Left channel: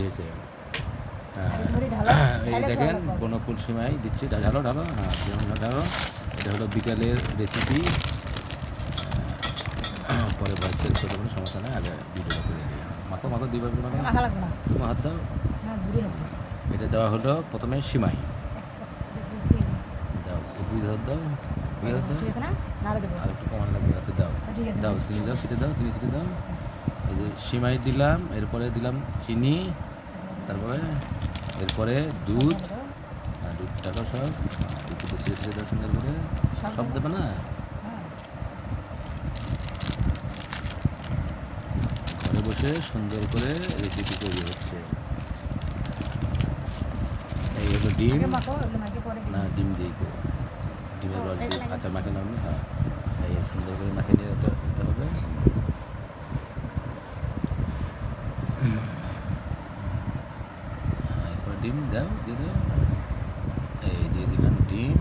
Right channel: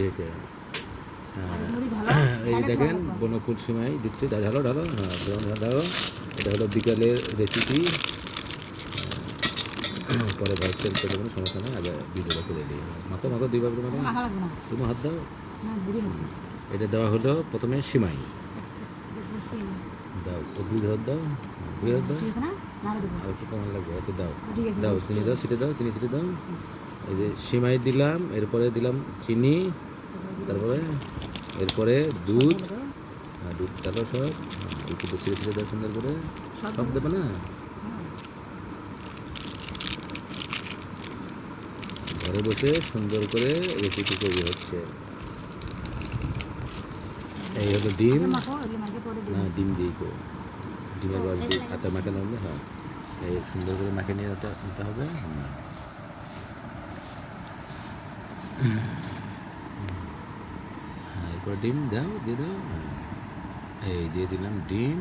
Ready হয়েছে হ্যাঁ। এই দেখেন। বনফুল সিমাই দিচ্ছে। ঢালো ঢালো হ্যাঁ ঢালো, এটা হলো বিকালের রেসিপি পরে ভয়েস সেল করে দেবেন সমস্যা নেই আগে ভিডিওটা করে দিই। মাখো মাখো দুই ভাবে মাখো। না। তুমি হাত দাও। এটা দেওয়া হলো প্রথমে সিমাই। দাও বুঝে হাত দাও বুঝে হাত দাও। আর একটু কমান লাগবে আচ্ছা দাও। দাও চিনি দাও সিটে দাও চিনি সিটে দাও। এই যে সিমাই দিলাম এরপরে দিলাম চিনি। তারপরে এরপরে দুধ আর দুধটাকেও সব একটু ছিঁড়ে ছিঁড়ে দাও সুন্দর করে সব দেবে না? ঘরে বসে সুন্দর করে রেসিপি তৈরি হচ্ছে। এই হলো ডিম। না ডিম দিয়ে ডিমের রস দিয়ে কাঁচা মাখে নামলে হ্যাঁ এই সুন্দর করে মাখে নিয়ে যেতে হবে। ডিম দাও দিয়ে দাও হ্যাঁ। এই দিয়ে দিলাম ডিম।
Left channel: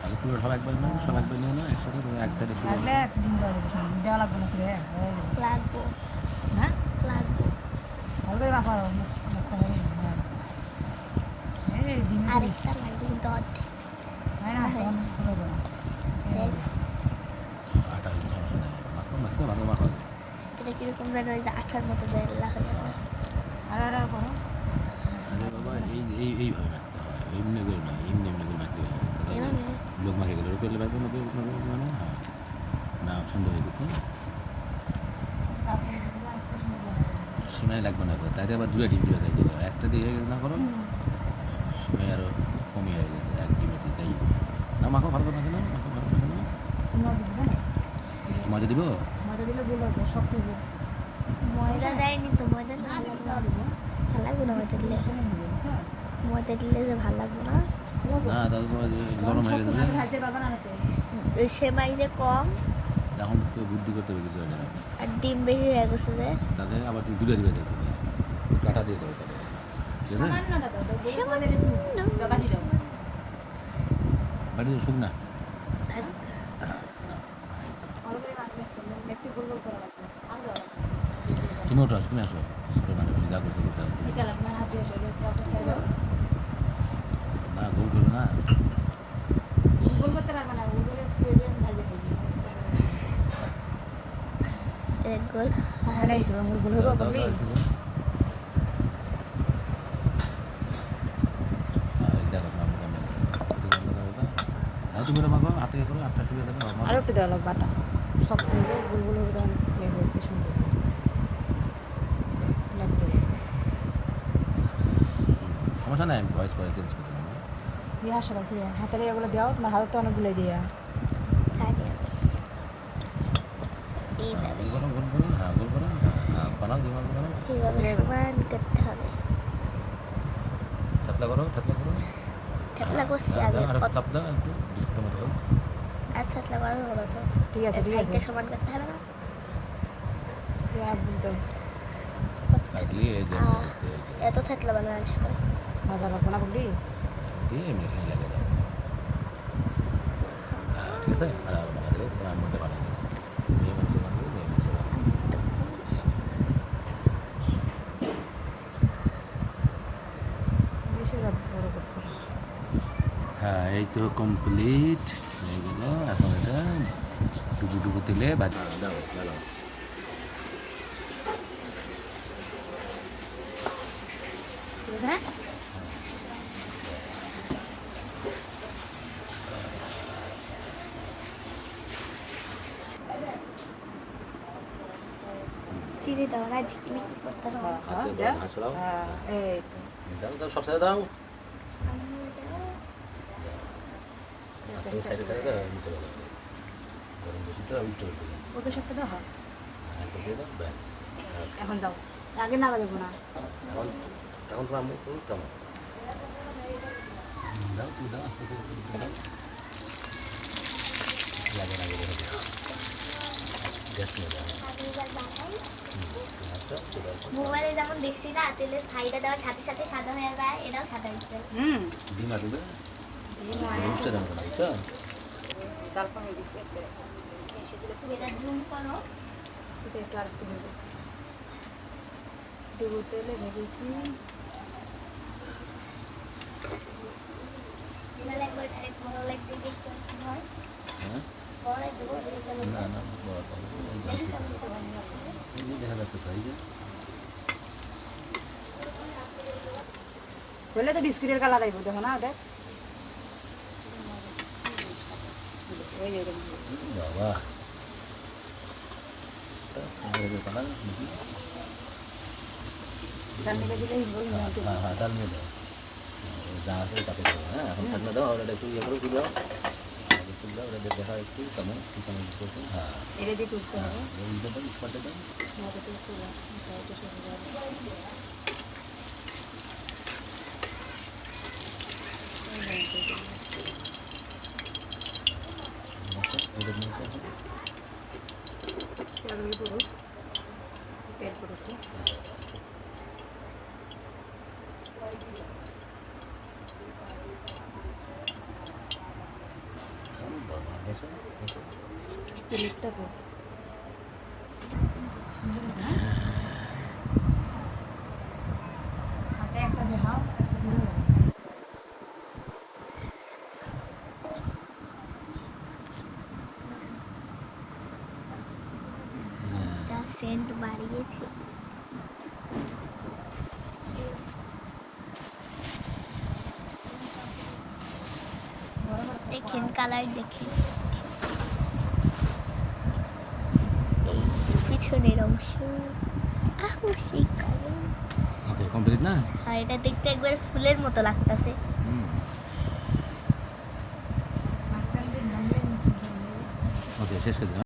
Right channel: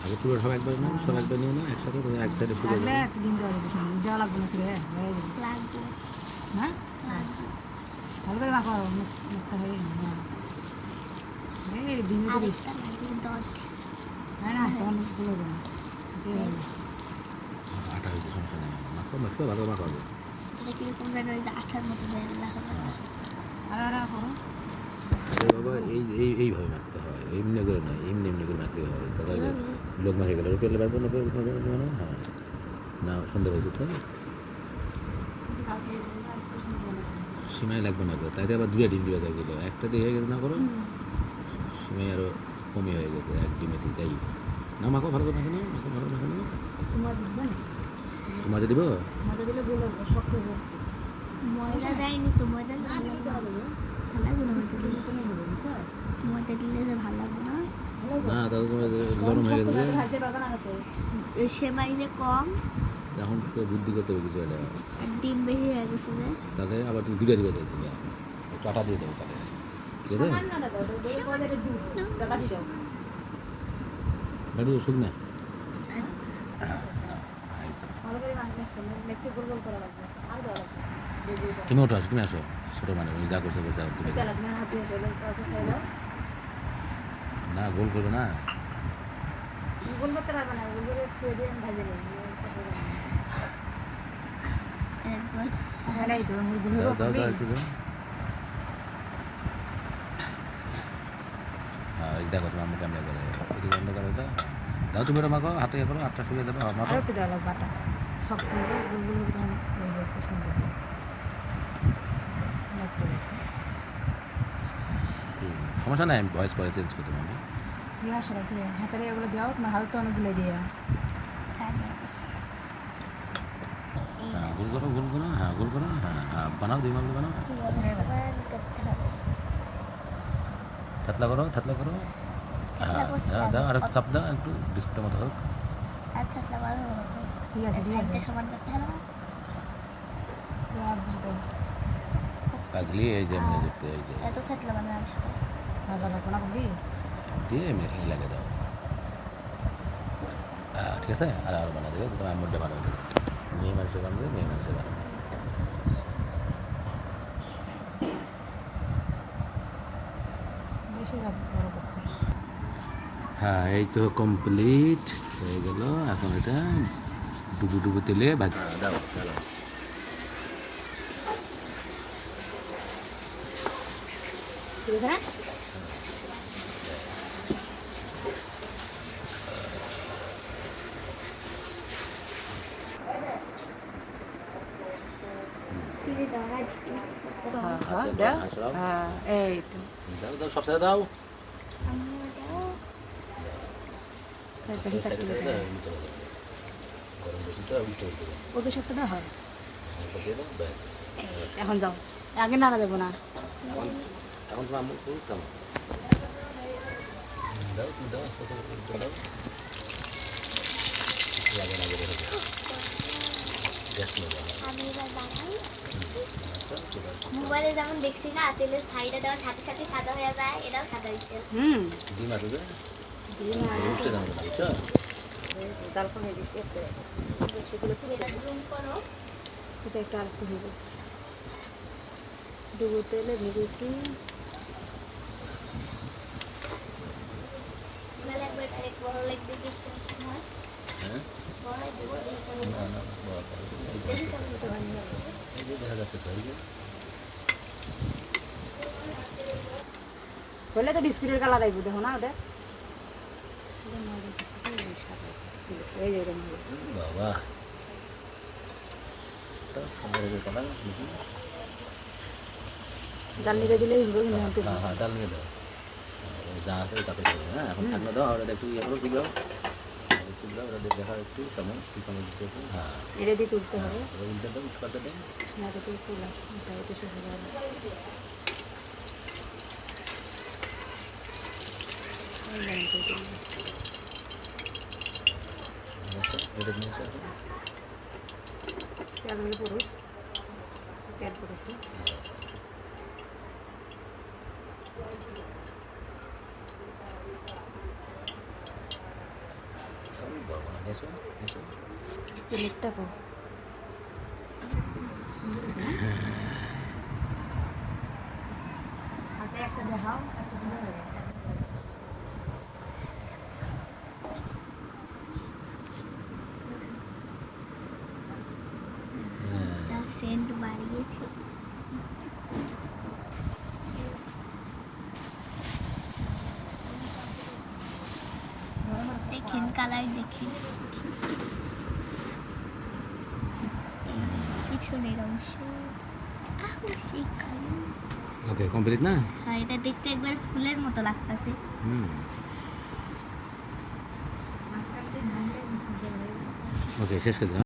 আগে পুরো সব একবার না সব একবার নিও না একসাথে তুমি এক দেওয়া লাগবে না হয়ে হ্যাঁ? লাগবে ভালো করে মাখো মুখটা এই ডিমে না তখন খুলে দেবো। আটা হয়েছে সমস্যা নেই মাখো মাখছে ভালো মাখো। হবে এটা কীরকম যেন ওই যে আঠার মতো বেরলা হয়ে আর আর আর করো। আরে বাবা এই এই এইভাবে মাখতে হয়। এমনি করে নয় এমনি এমনি করে মাখতে হয়। লোক মাখে গেলে রুপে লেবার করে লোকে মানে হ্যাঁ। না সুন্দর হয়েছে তো সীমায় লাগবে না করে তাইতে আবার দুটা ডিম দিয়ে দেয় গেলো। একটা দিয়ে হয়ে গেছে না করো? সীমায় আরও কমই হয়ে গেছে। এক ডিমে তাই। না মাখো ভালো করে মাখে নাও মাখো ভালো মাখে নাও। তোমার দিবে? মাথা দিলে বলল শক্ত হবে ময়দা দেয়নি তো ময়দা না ভালো না। ময়দা দিলে? যে ভালো লাগবে না? না তাহলে তোমার গরম হয়ে গেছে সেমাই যে কম। এখন বুদ্ধি করতে হবে কিছু এটা আর ডিম বেশি হয়ে গেছে যে। তাহলে আবার তুমি দুটো দিবে দেখবে একটু আটা দিয়ে দেবো তাহলে। ঠিক আছে? বাড়ি তো শুকনা। তুমি ওঠো আসো তুমি আসো। ছোটো মানুষ যা করছ করতে। না, গোল করবে না। দেখো তোমার মুখে দাও। তুমি মাখো, হাতে করো, হাতটা শুয়ে দেবো আর দেওয়া লাগবে শক্ত হবে গোল গোল হবে তখন ইয়ে সুন্দর সমস্যা নাই আমি ভয়েস করে চেঞ্জ করতে পারব। দিয়ে আসো আসলে হাতের এগুলো দেওয়া তোমার হাতে তো অনেকগুলো দিয়ে। থাকে হ্যাঁ গোল করো গোল করো হ্যাঁ গোল করো হ্যাঁ হ্যাঁ বানাও দুই মাল বানাও। থাতলা করো থাতলা করো। থাতলা হ্যাঁ, করছি। আর একটু চাপ দাও একটু বিস্কুটের মতো। হোক আর ছাতলা করা হলো তো। ঠিক আছে ঠিক আছে। সমান করতে হবে এই যে এমনি করতে এই এত থাকলে ভালো আসবে ভাজা লাগবে না বলবি দিয়ে এমনি এখানে লাগিয়ে দাও। হ্যাঁ, ঠিক আছে আর আর বানা দেবে তোমার আমুলটা ভালো মেয়ে মাংস বানাবে মেয়ে মাংস বানাবে। বেশি যাবে বড় করছ। হ্যাঁ এই তো কমপ্লিট হয়ে গেল। এখন এটা ডুবু ডুবু তেলে ভাজি দাও চলো ঠিক আছে না দাও। হাত সরাও। হ্যাঁ এই তো। দাও দাও সব সাইডে দাও। দাও। দাও। গরম বেশি তো উল্টে উল্টে দাও ওকে সব হয়? এখন যাও। আগে নাড়া যাব না। এখন এখন তো আমরা একটু কেমন দাও তুমি দাও আস্তে আস্তে দাও লাগে লাগে রেখে গ্যাস নিয়ে যাও ঠিক আছে মোবাইলে যেমন দেখছি না আপেলের ছাইটা দেওয়ার সাথে সাথে সাদা হয়ে যায় এটাও সাদা দিচ্ছে হুম। ডিম আসবে উল্টে দাও না বুঝছ ডুবো তেলে ভেজেছি নাহলে একবার আরেক বড় লাগবে দেখতে হয় হ্যাঁ বড় দেবো এটা না না না বড় তো হবে। এই যে- এই যে দেখা যাচ্ছে তো এই যে হলে তো বিস্কুটের কালার আইব দেখো না ওদের এই যে এরকম হবে। হুম, বাবা তো সুন্দর এদের কথা দেখি জাল নিতে দিলে হিসেবে কিন্তু আনতে হ্যাঁ হ্যাঁ ডাল নিয়ে দাও হ্যাঁ, ওই যা আছে তাতে করো হ্যাঁ এখন থাকলে দাও ওটা একটু ইয়ে করো তুলো তুলো ওটা দিয়ে দেখা একটু চামচ একটু চামচ দিতে একটু হ্যাঁ এটা দিয়ে তুলতে হবে হ্যাঁ, ওই উল্টে দাও একটু পাল্টে দাও না তো তুলা এটা শেষ হয়ে যাবে এই যে এটাই দিলাম। আচ্ছা, এটা নিয়ে আসো। তেলগুলো পুরো তেল পড়েছে ও বাবা দেখো দেখো তেলেরটা পো হাতে একটা দেখাও একটা ধরে রাখো। হ্যাঁ যা সেন্ট বাড়িয়েছে দেখেন কালার দেখেন পিছনের অংশ। কমপ্লিট না? আর এটা দেখতে একবার ফুলের মতো লাগতাছে। হুম। ওকে শেষ করে